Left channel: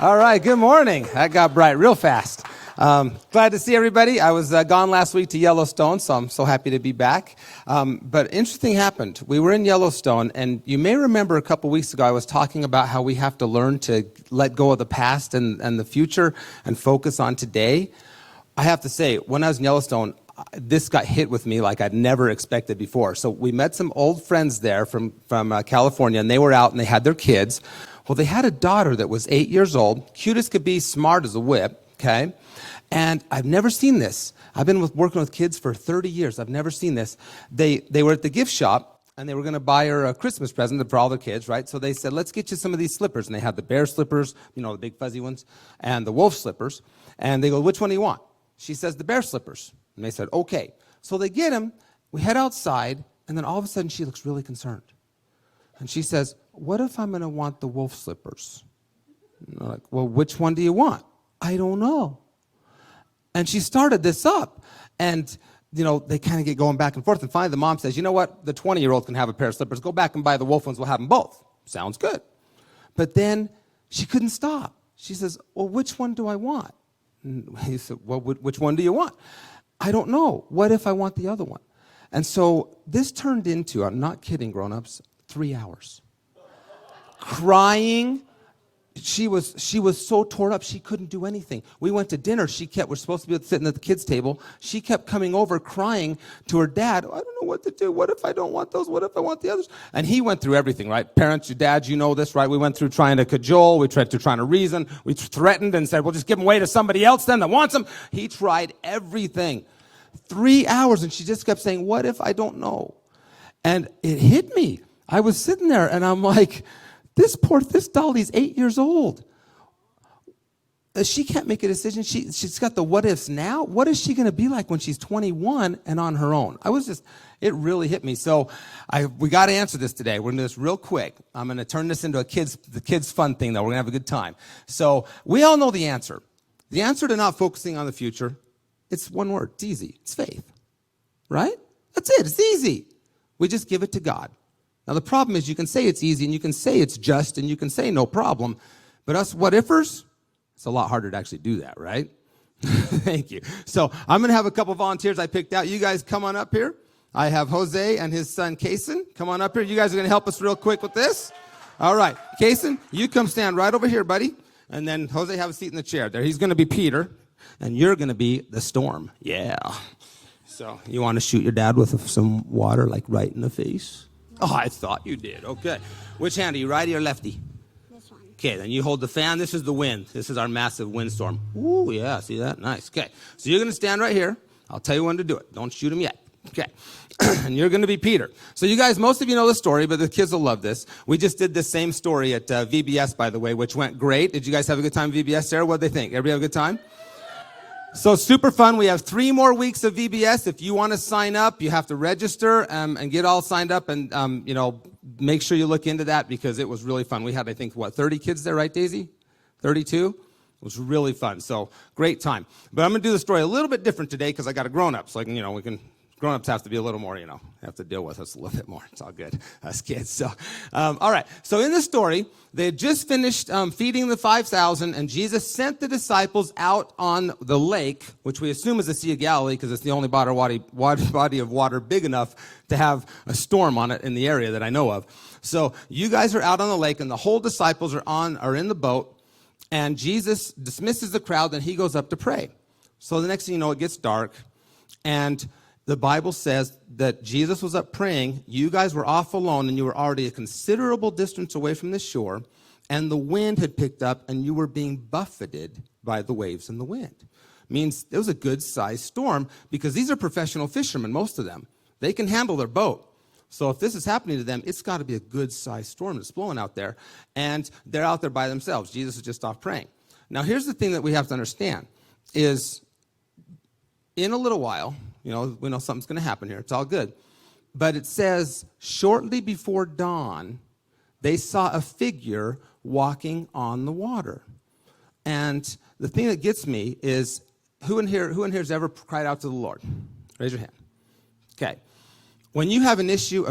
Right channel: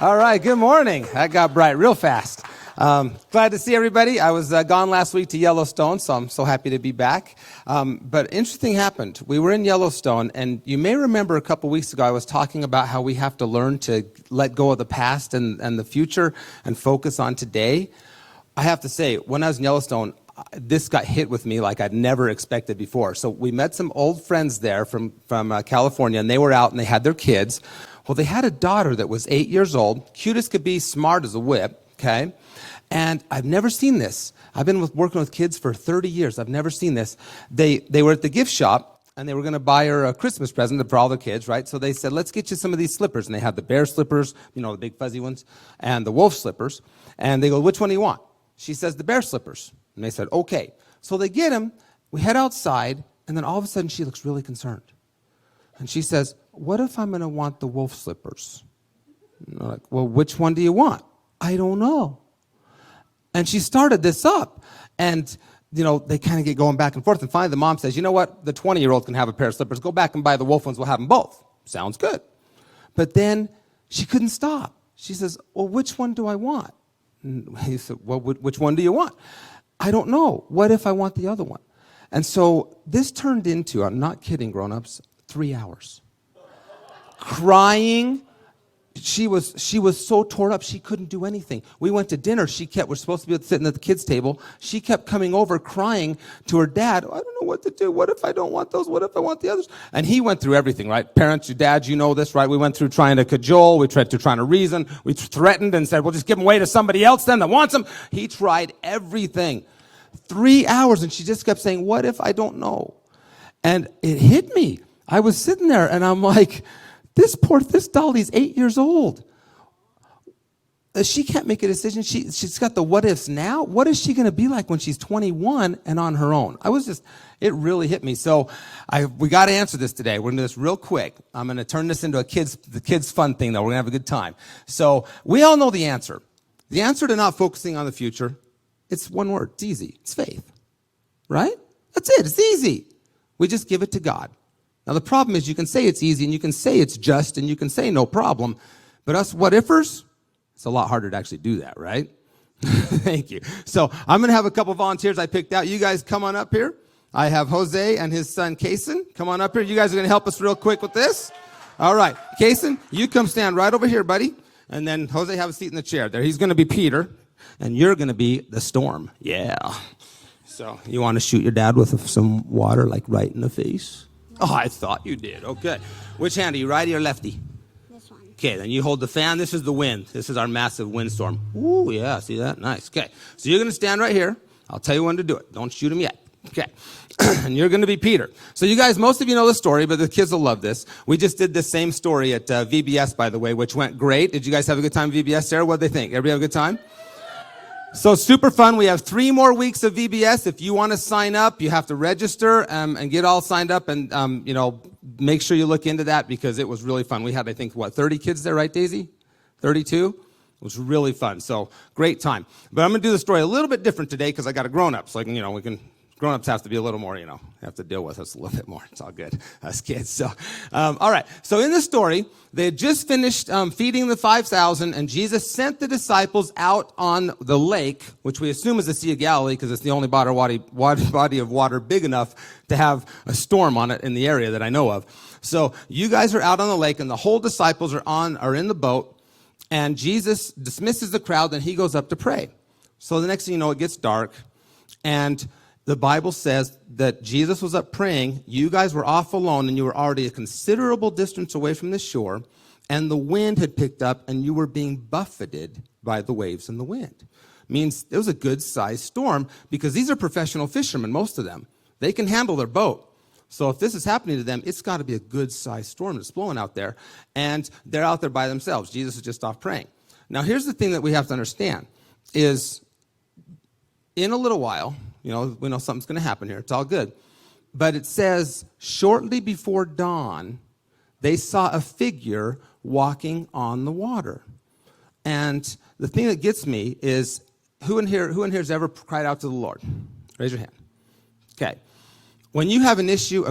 All right, good morning. That got bright real fast. Glad to see everybody. I was gone last week to Yellowstone, so I'm so happy to be back. But interesting happened. We were in Yellowstone, and you may remember a couple weeks ago I was talking about how we have to learn to let go of the past and the future and focus on today. I have to say, when I was in Yellowstone, this got hit with me like I'd never expected before. So we met some old friends there from California, and they were out and they had their kids. Well, they had a daughter that was 8 years old, cute as could be, smart as a whip, okay? And I've never seen this. I've been working with kids for 30 years. I've never seen this. They were at the gift shop, and they were going to buy her a Christmas present for all the kids, right? So they said, let's get you some of these slippers. And they had the bear slippers, you know, the big fuzzy ones, and the wolf slippers. And they go, which one do you want? She says, the bear slippers. And they said, okay. So they get them. We head outside, and then all of a sudden she looks really concerned. And she says, what if I'm going to want the wolf slippers? And they're like, well, which one do you want? I don't know. And she started this up. And, you know, they kind of get going back and forth. And finally the mom says, you know what? The 20-year-old can have a pair of slippers. Go back and buy the wolf ones. We'll have them both. Sounds good. But then she couldn't stop. She says, well, which one do I want? And he said, well, which one do you want? I don't know. What if I want the other one? And so this turned into, I'm not kidding, grown-ups, 3 hours. Crying. She was so torn up, she couldn't do anything. We went to dinner. We're supposed to be sitting at the kids' table. She kept coming over crying to her dad. I don't know what to do. What if I don't want those? What if I want the others? And he went through everything, right? Parents, your dads, you know this, right? We went through trying to cajole. We tried to trying to reason. We threatened and said, well, just give them away to somebody else then that wants them. He tried everything. 3 hours, and she just kept saying, what if I don't know? And it hit me. I was sitting there, and I'm like, this Dolly's 8 years old. She can't make a decision. She's got the what ifs now. What is she going to be like when she's 21 and on her own? It really hit me. So we got to answer this today. We're going to do this real quick. I'm going to turn this into the kids fun thing, though. We're going to have a good time. So we all know the answer. The answer to not focusing on the future, it's one word. It's easy. It's faith. Right? That's it. It's easy. We just give it to God. Now, the problem is you can say it's easy, and you can say it's just, and you can say no problem. But us what-ifers, it's a lot harder to actually do that, right? Thank you. So I'm going to have a couple volunteers I picked out. You guys come on up here. I have Jose and his son, Kason. Come on up here. You guys are going to help us real quick with this. All right. Kason, you come stand right over here, buddy. And then Jose, have a seat in the chair there. He's going to be Peter, and you're going to be the storm. Yeah. So you want to shoot your dad with some water, like right in the face? Oh, I thought you did. Okay. Which hand? Are you righty or lefty? This one. Okay, then you hold the fan. This is the wind. This is our massive windstorm. Ooh, yeah, see that? Nice. Okay. So you're going to stand right here. I'll tell you when to do it. Don't shoot him yet. Okay. And you're going to be Peter. So you guys, most of you know the story, but the kids will love this. We just did the same story at VBS, by the way, which went great. Did you guys have a good time at VBS? Sarah, what did they think? Everybody have a good time? So super fun. We have 3 more weeks of VBS. If you want to sign up, you have to register and get all signed up, and make sure you look into that because it was really fun. We had, I think, 30 kids there, right, Daisy? 32? It was really fun. So great time. But I'm going to do the story a little bit different today because I got a grown-up, so grown-ups have to be a little more, have to deal with us a little bit more. It's all good, us kids. So, all right. So in this story, they had just finished feeding the 5,000, and Jesus sent the disciples out on the lake, which we assume is the Sea of Galilee because it's the only body of water big enough to have a storm on it in the area that I know of. So you guys are out on the lake, and the whole disciples are in the boat, and Jesus dismisses the crowd, and he goes up to pray. So the next thing you know, it gets dark, and the Bible says that Jesus was up praying. You guys were off alone, and you were already a considerable distance away from the shore, and the wind had picked up, and you were being buffeted by the waves and the wind. Means it was a good-sized storm because these are professional fishermen, most of them. They can handle their boat. So if this is happening to them, it's got to be a good-sized storm that's blowing out there, and they're out there by themselves. Jesus is just off praying. Now, here's the thing that we have to understand is in a little while, we know something's going to happen here. It's all good. But it says, shortly before dawn, they saw a figure walking on the water. And the thing that gets me is, who in here has ever cried out to the Lord? Raise your hand. Okay. When you have an issue,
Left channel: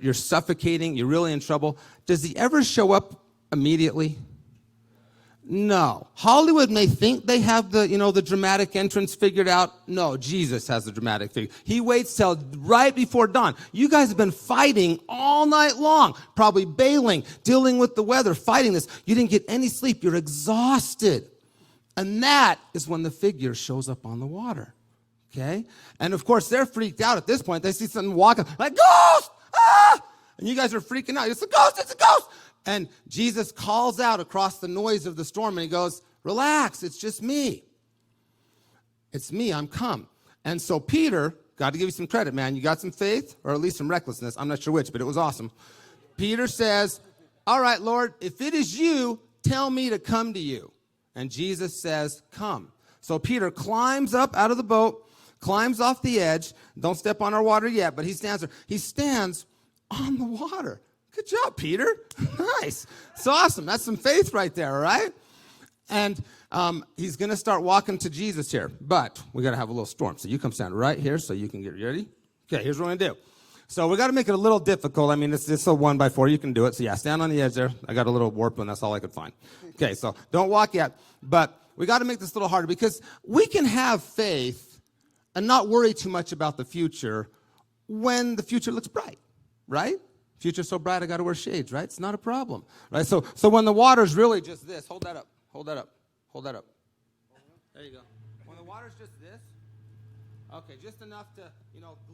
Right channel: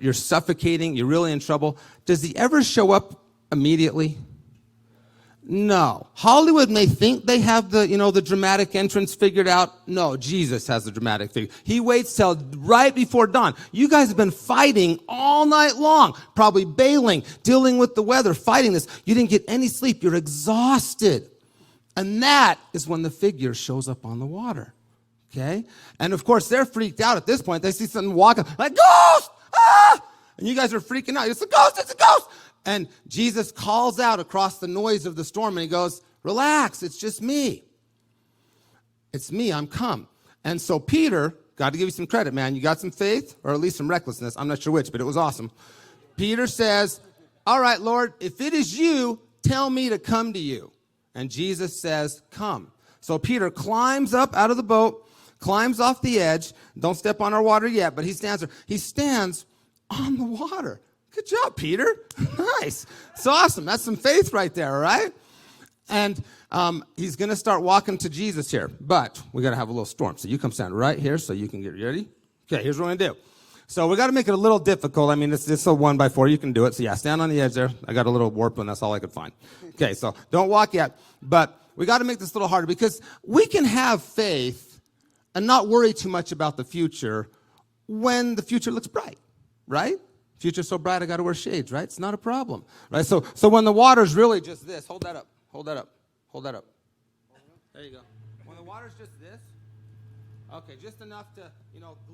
you're suffocating, you're really in trouble, does he ever show up immediately? No. Hollywood may think they have the dramatic entrance figured out. No, Jesus has the dramatic figure. He waits till right before dawn. You guys have been fighting all night long, probably bailing, dealing with the weather, fighting this. You didn't get any sleep. You're exhausted. And that is when the figure shows up on the water. Okay? And of course, they're freaked out at this point. They see something walking like, ghost! Ah! And you guys are freaking out. It's a ghost! It's a ghost! And Jesus calls out across the noise of the storm, and he goes, relax, it's just me. It's me, I'm come. And so Peter, got to give you some credit, man. You got some faith, or at least some recklessness. I'm not sure which, but it was awesome. Peter says, all right, Lord, if it is you, tell me to come to you. And Jesus says, come. So Peter climbs up out of the boat, climbs off the edge. Don't step on our water yet, but he stands there. He stands on the water. Good job, Peter. Nice. It's awesome. That's some faith right there, all right? And he's going to start walking to Jesus here, but we got to have a little storm. So you come stand right here so you can get ready. Okay, here's what we're going to do. So we got to make it a little difficult. I mean, it's a 1x4. You can do it. So yeah, stand on the edge there. I got a little warp and that's all I could find. Okay, so don't walk yet. But we got to make this a little harder because we can have faith and not worry too much about the future when the future looks bright, right? Future's so bright, I got to wear shades, right? It's not a problem, right? So when the water's really just this, hold that up, hold that up, hold that up. There you go. When the water's just this, okay, just enough to,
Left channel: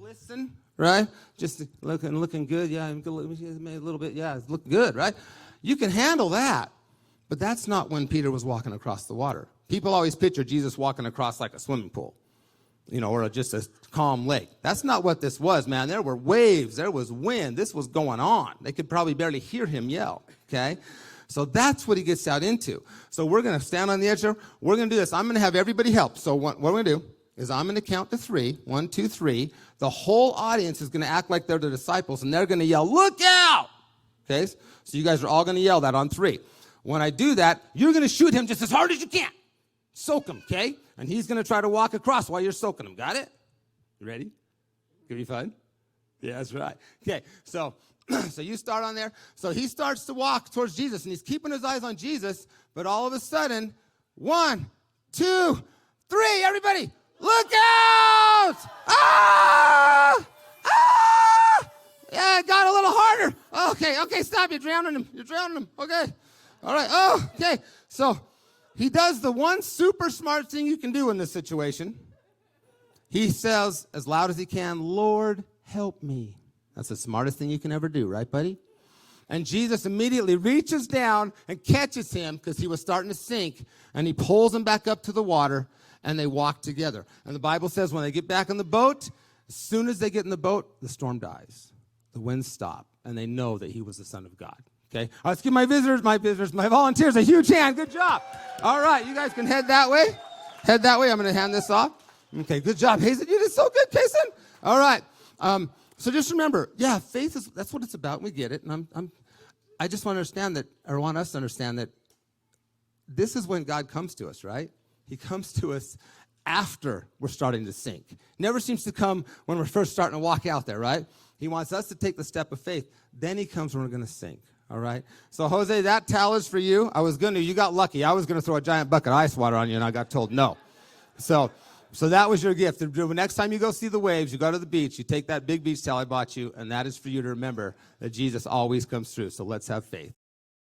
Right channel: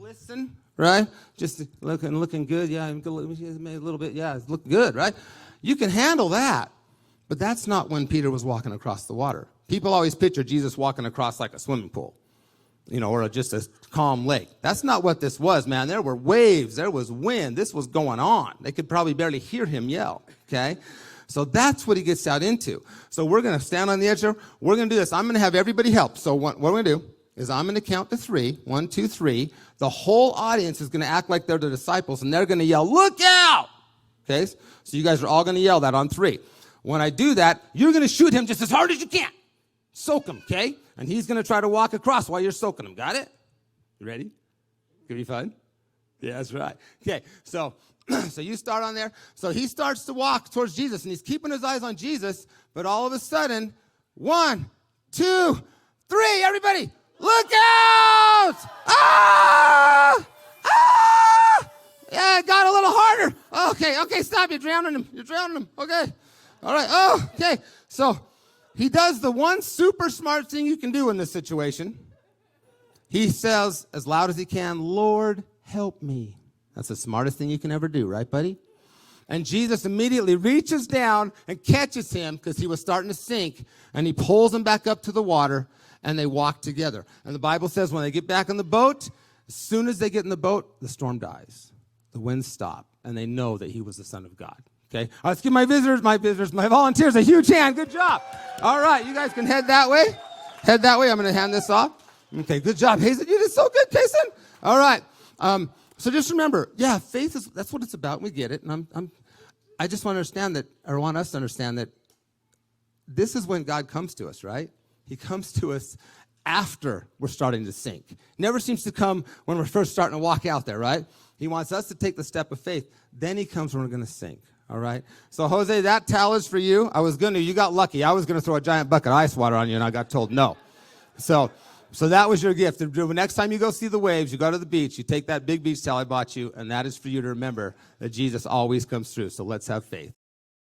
glisten, right? Just looking good, yeah, maybe a little bit, yeah, it's looking good, right? You can handle that, but that's not when Peter was walking across the water. People always picture Jesus walking across like a swimming pool. Or just a calm lake. That's not what this was, man. There were waves. There was wind. This was going on. They could probably barely hear him yell, okay? So that's what he gets out into. So we're going to stand on the edge there. We're going to do this. I'm going to have everybody help. So what we're going to do is I'm going to count to 3. 1, 2, 3. The whole audience is going to act like they're the disciples, and they're going to yell, look out! Okay? So you guys are all going to yell that on 3. When I do that, you're going to shoot him just as hard as you can. Soak him, okay? And he's going to try to walk across while you're soaking him. Got it? You ready? Gonna be fun? Yeah, that's right. Okay, so you start on there. So he starts to walk towards Jesus, and he's keeping his eyes on Jesus, but all of a sudden, 1, 2, 3, everybody, look out! Ah! Ah! Yeah, it got a little harder. Okay, stop. You're drowning him. Okay. All right. Oh, okay. So he does the one super smart thing you can do in this situation. He says as loud as he can, Lord, help me. That's the smartest thing you can ever do, right, buddy? And Jesus immediately reaches down and catches him because he was starting to sink, and he pulls him back up to the water, and they walk together. And the Bible says when they get back in the boat, as soon as they get in the boat, the storm dies. The winds stop, and they know that he was the Son of God. Okay, let's give my volunteers a huge hand. Good job. All right, you guys can head that way. I'm going to hand this off. Okay, good job, Hazen. You did so good, Jason. All right. So just remember, yeah, faith that's what it's about. We get it. And I just want to understand that, or want us to understand that this is when God comes to us, right? He comes to us after we're starting to sink. Never seems to come when we're first starting to walk out there, right? He wants us to take the step of faith. Then he comes when we're going to sink. All right. So, Jose, that towel is for you. You got lucky. I was going to throw a giant bucket of ice water on you, and I got told no. So that was your gift. The next time you go see the waves, you go to the beach, you take that big beach towel I bought you, and that is for you to remember that Jesus always comes through. So let's have faith.